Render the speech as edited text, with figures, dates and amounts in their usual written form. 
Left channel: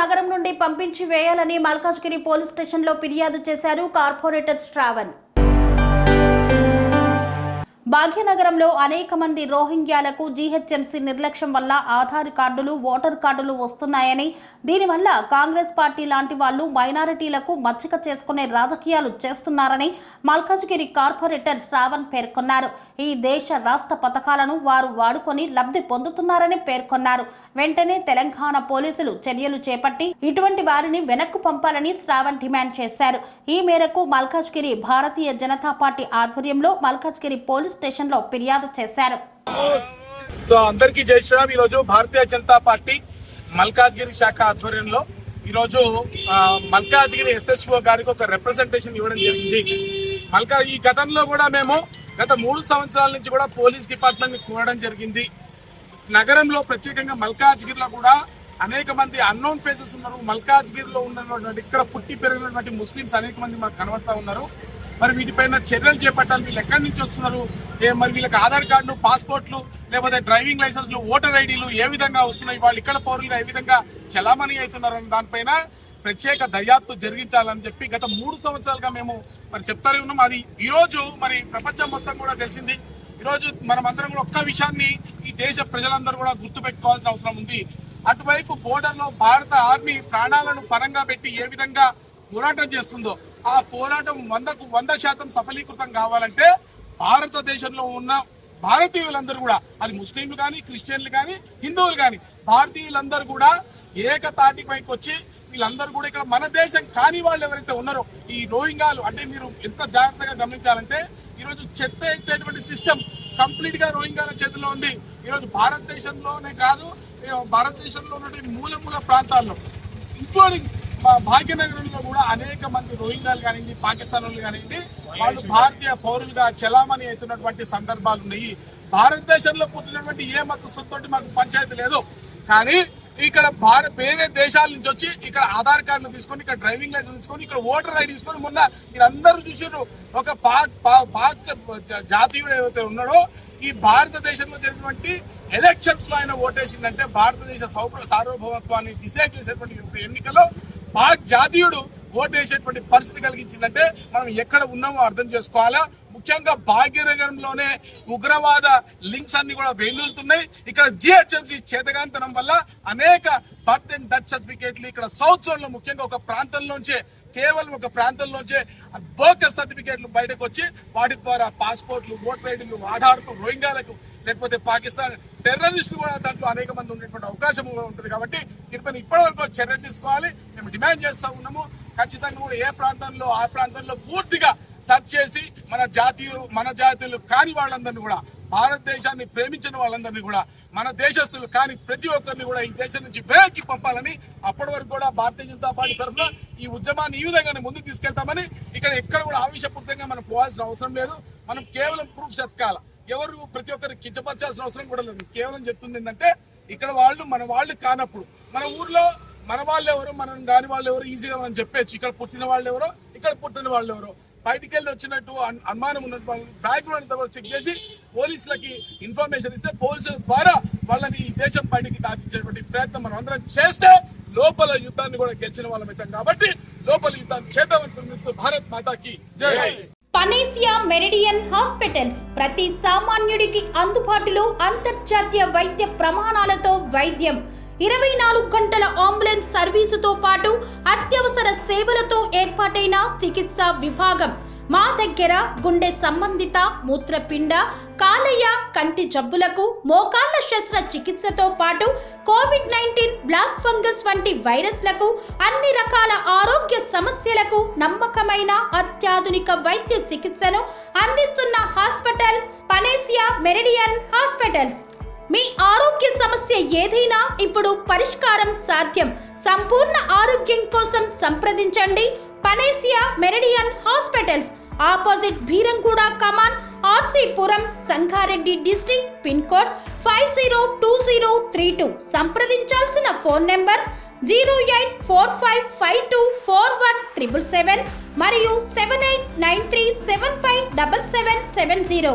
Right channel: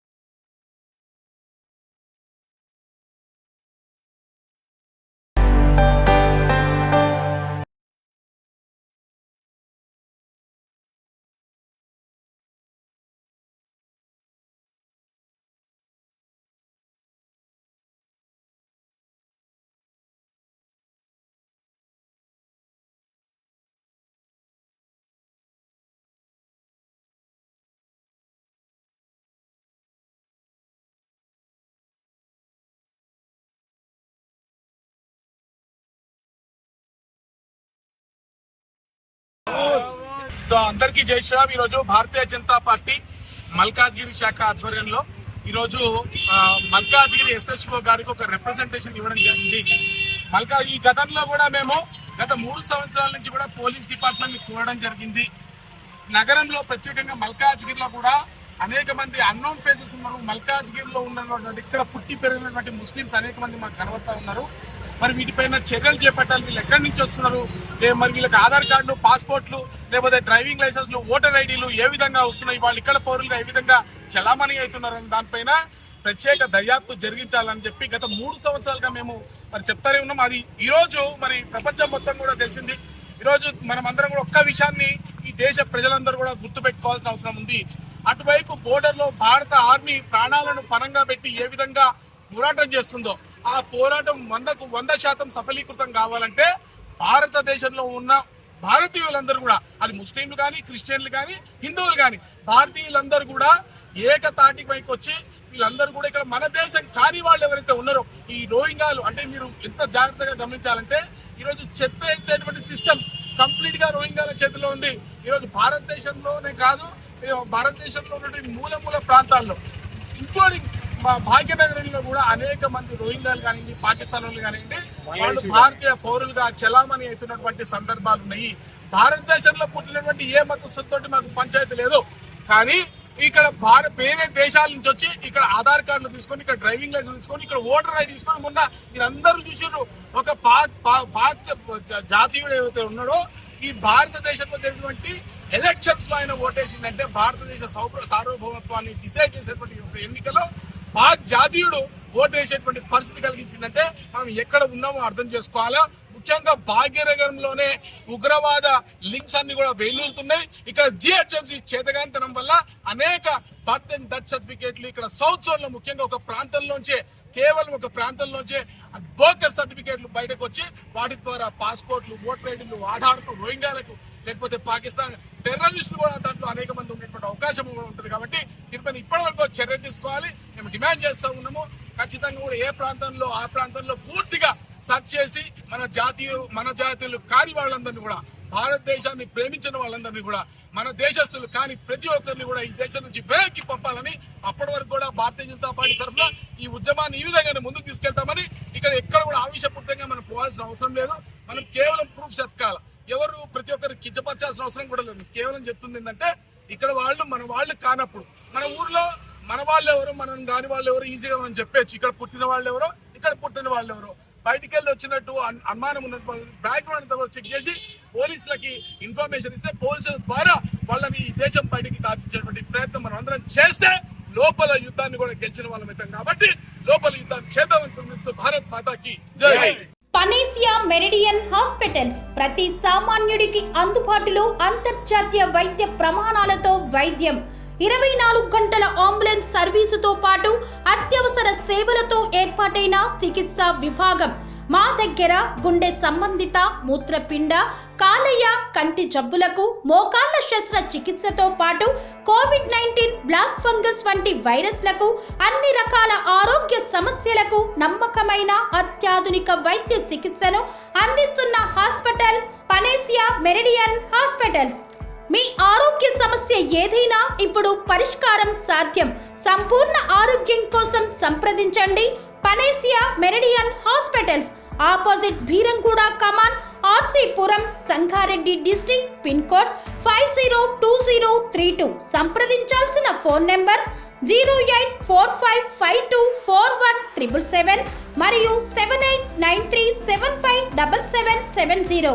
నగరం నుండి పంపించి వేయాలని మల్కాజ్గిరి పోలీస్ స్టేషన్లో ఫిర్యాదు చేశారు కార్పొరేటర్ శ్రావణ్. భాగ్యనగరంలో అనేక మంది రోహింగ్యాలకు జీహెచ్ఎంసీ నిర్లక్ష్యం వల్ల ఆధార్ కార్డులు, ఓటర్ కార్డులు వస్తున్నాయని, దీనివల్ల కాంగ్రెస్ పార్టీ లాంటి వాళ్ళు మైనారిటీలకు మచ్చిక చేసుకునే రాజకీయాలు చేస్తున్నారని మల్కాజ్గిరి కార్పొరేటర్ శ్రావణ్ పేర్కొన్నారు. ఈ దేశ రాష్ట్ర పథకాలను వారు వాడుకొని లబ్ధి పొందుతున్నారని పేర్కొన్నారు. వెంటనే తెలంగాణ పోలీసులు చర్యలు చేపట్టి ఇటువంటి వారిని వెనక్కు పంపాలని శ్రావణ్ డిమాండ్ చేశారు. ఈ మేరకు మల్కాజ్గిరి భారతీయ జనతా పార్టీ ఆధ్వర్యంలో మల్కాజ్గిరి పోలీస్ స్టేషన్ లో ఫిర్యాదు చేశారు. అందరికీ జై శ్రీరామ్. ఈరోజు భారతీయ జనతా పార్టీ మల్కాజ్గిరి శాఖ ఆధ్వర్యంలో ఈరోజు మల్కాజ్గిరి ఎస్హెచ్ఓ గారికి ఒక రిప్రజెంటేషన్ ఇవ్వడం జరిగింది. ఈ గతంలో కూడా మేము గత 3 సంవత్సరాల నుంచి కూడా పోలీస్ డిపార్ట్మెంట్ ని కోరడం జరిగింది. నగరంలో ప్రత్యేకంగా మల్కాజ్గిరిలో కూడా అనేక మంది అన్నోన్ ఫేసెస్ ఉన్నారు. మల్కాజ్గిరిలో ఉన్నటువంటి ఇక్కడ పుట్టి పెరిగినటువంటి ముస్లింస్ అనేక మంది మాకు కనబడతా ఉన్నారు. మరి వీటిపైన చర్యలు చేపట్టాలి. వీళ్ళు ఎక్కడి నుంచి వస్తున్నారు, మరి వీళ్ళకి ఆధార్ కార్డులు, పాస్పోర్ట్లు, లేకపోతే డ్రైవింగ్ లైసెన్స్లు, ఓటర్ ఐడీలు ఏ విధంగా వస్తున్నాయి, వాళ్ళు ఇక్కడ పౌరులుగా ఏ విధంగా చలామణి అవుతున్నారని దానిపైన ప్రత్యేక దర్యాప్తు జరిగించాలని చెప్పి గత 3 సంవత్సరాలుగా మేము మరి చెప్తానే ఉన్నాం. అది ఈరోజు మరి ప్రపంచం మొత్తం కూడా తెలిసింది. ఈరోజు మనం అందరం కూడా ఒక్క విషయాన్ని ఈ దేశ ప్రజలందరూ కూడా గుర్తుపెట్టుకోవాల్సిన అవసరం ఉంది. అటువైపు బోర్డర్లో భారత ఆర్మీ ప్రాణాలను పరంగా పెట్టి ఏ విధంగా పోరాటం చేస్తుందో ఆ పోరాటం 100% సఫలీకృతం కావాలంటే భారతదేశంలో ఉన్న భారతీయులందరూ కూడా, అది ముస్లింలు కానీ, క్రిస్టియన్లు కానీ, హిందువులు కానీ, భారతీయులందరూ కూడా ఏకతాటి పైకి వచ్చి వీళ్ళందరూ కూడా ఇక్కడ మన దేశం కాని వాళ్ళు ఎవరైతే ఉన్నారో ఈ రోహింగ్యాలు, అంటే మీరు ఎంత జాగ్రత్తగా గమనించాలంటే ఈరోజు చెత్త ఎత్తేటువంటి సిస్టమ్ కంప్లీట్ గా రోహింగ్యాల చేతిలో ఉంది. ఈరోజు భారతదేశంలోనే కాదు, భారతదేశంలో ఉన్నటువంటి మూల ప్రాంతాల్లో ఇంక్లూడింగ్ మా భాగ్యనగరంలో కూడా అనేక మంది రోహింగ్యాలు కానివ్వండి, పాకిస్తాన్ వాళ్ళు కానివ్వండి, వాళ్ళు భారతీయ పౌరులుగా చలామణి అవుతున్నటువంటి సందర్భాలు ఉన్నాయి. భారతదేశంలో పుట్టినటువంటి ఏ మతస్థులతోటి మాకు పంచాయతీ లేదు. కానీ ఇక్కడ వేరే దేశాల నుంచి వచ్చి ఇక్కడ ఆధార్ కార్డులు తీసుకొని, ఇక్కడ డ్రైవింగ్ లైసెన్స్ తీసుకొని, ఇక్కడ ఓటర్ ఐడి తీసుకొని, మొన్న మీరందరూ చూసారు ఒక పాక్ జాతీయుడు ఏవైతే ఉన్నాడో ఈ భారతదేశంలో జరిగినటువంటి ఎలక్షన్స్ లో ఆయన ఓటేసిందంటే భారతదేశ సార్వభౌమత్వాన్ని డిసైడ్ చేసేటువంటి ఎన్నికల్లో పాక్ జాతీయుడు ఓటేసేటువంటి పరిస్థితి కలిగించిందంటే మనం ఎక్కడ ఉన్నామో అర్థం చేసుకోవాలా. ముఖ్యంగా భాగ్యనగరంలోనే ఉగ్రవాద లింక్స్ అన్ని కూడా వెల్లుతున్నాయి. ఇక్కడ జిహెచ్ఎంసీ చేతగాంతనం వల్ల అనేక బర్త్ అండ్ డెత్ సర్టిఫికేట్లు ఇక్కడ సౌత్ జోన్ లో ముఖ్యంగా కేవలం ఒక ప్రాంతంలోంచే బోకస్ సర్టిఫికేట్లు బయటకు వచ్చి వాటి ద్వారా పాస్పోర్ట్లు, ఓటర్ ఐడీలు, ఆధార్లు, రోహింగ్యాలకు లేకపోతే పాకిస్తాన్ టెర్రరిస్టులు కూడా దాంట్లో అనేక మంది ఉండేటువంటి అవకాశం కూడా ఉంటుంది. కాబట్టి దీనిపైన ఇప్పటివరకు చర్య తీసుకోవాలి. మేము డిమాండ్ చేస్తూ ఉన్నాము. ఖచ్చితంగా కూడా ఏ ప్రాంతంలో ఆ ప్రాంతంలో పూర్తిగా సర్చ్ చేసి మన జాతీయులు కాని వాళ్ళందరినీ కూడా, భారతదేశాన్ని ప్రేమించిన వాళ్ళందరినీ కూడా, మన దేశస్తులు కాని ప్రతి ఒక్కరిని కూడా ఈ దేశం నుంచి వెనక్కి పంపాలని, అప్పటి వరకు కూడా భారతీయ జనతా పార్టీ తరఫున ఈ ఉద్యమాన్ని ఈ విధంగానే ముందుకు తీసుకెళ్తామని, ఎక్కడ కూడా ఆవేశపూరితంగా మనం పోవాల్సిన అవసరం లేదు. మనం కేవలం ప్రూఫ్స్ ఎత్కాల. ఎవరు ప్రతి ఒక్కరికి కించపరచాల్సిన అవసరం కూడా లేదు. కేవలం చెప్తుంది ఏంటంటే ఇక్కడ మన వాళ్ళు కానప్పుడు మన ఊర్లో మన వాళ్ళు ఎవరు, మనం కాని వాళ్ళు ఎవరు ఈజీగా మనం చెప్పచ్చు. ఇక్కడ పుట్టిన వాళ్ళు ఎవరో, ఇక్కడ పుట్టిన వాళ్ళు ఎవరో, బయటికి వెళ్ళి వచ్చినట్టు అనుమానం ఉన్న బ్యాక్గ్రౌండ్ అంతా కూడా చెక్ చేసి పోలీసులకి ఇన్ఫర్మేషన్ ఇస్తే పోలీసుల ద్వారా వాళ్ళని ఈ దేశం బయటికి దాటించేటువంటి ప్రయత్నం మనం అందరం చేస్తే లోపల యుద్ధాన్ని కూడా గెలిచిన వాళ్ళం అవుతాం. కాబట్టి లోపల యుద్ధాన్ని చేద్దామని పిలుస్తూ భారత్ మాతాకి జై. పనేసియా మెరిడియన్ హాస్పిటల్స్ ప్రతి సామాన్యుడికి అందుబాటులో అంతర్జాతీయ వైద్య ప్రమాణాలతో వైద్యం, 24 గంటల అంబులెన్స్ సర్వీసుతో పాటు అత్యవసర సేవలతో ఏర్పాటైన చికిత్సా విభాగం. మా దగ్గర గుండె సంబంధిత, మూత్రపిండ, కాలేయ, కంటి జబ్బులకు, మోకాళ్ల శస్త్రచికిత్సతో పాటు కోవిడ్-19, బ్లాక్ ఫంగస్ వంటి వైరస్లకు, అన్ని రకాల ఆరోగ్య సమస్యలకు నమ్మకమైన అత్యాధునిక వైద్య చికిత్సను అందిస్తున్న హాస్పిటల్ పనేసియా మెరిడియన్ హాస్పిటల్స్. మీ ఆరోగ్య సమస్య ఏదైనా ఇప్పుడు పరిష్కారం సాధ్యం. సంపూర్ణ ఆరోగ్యం కోసం సంప్రదించండి Panacea Meridian hospitals, opposite Bheeramguda Kaman, RC Puram, Sangareddy district, pin code 502032. సంప్రదించాల్సిన ఫోన్ నెంబర్ 0845524177 మరియు 7893757770.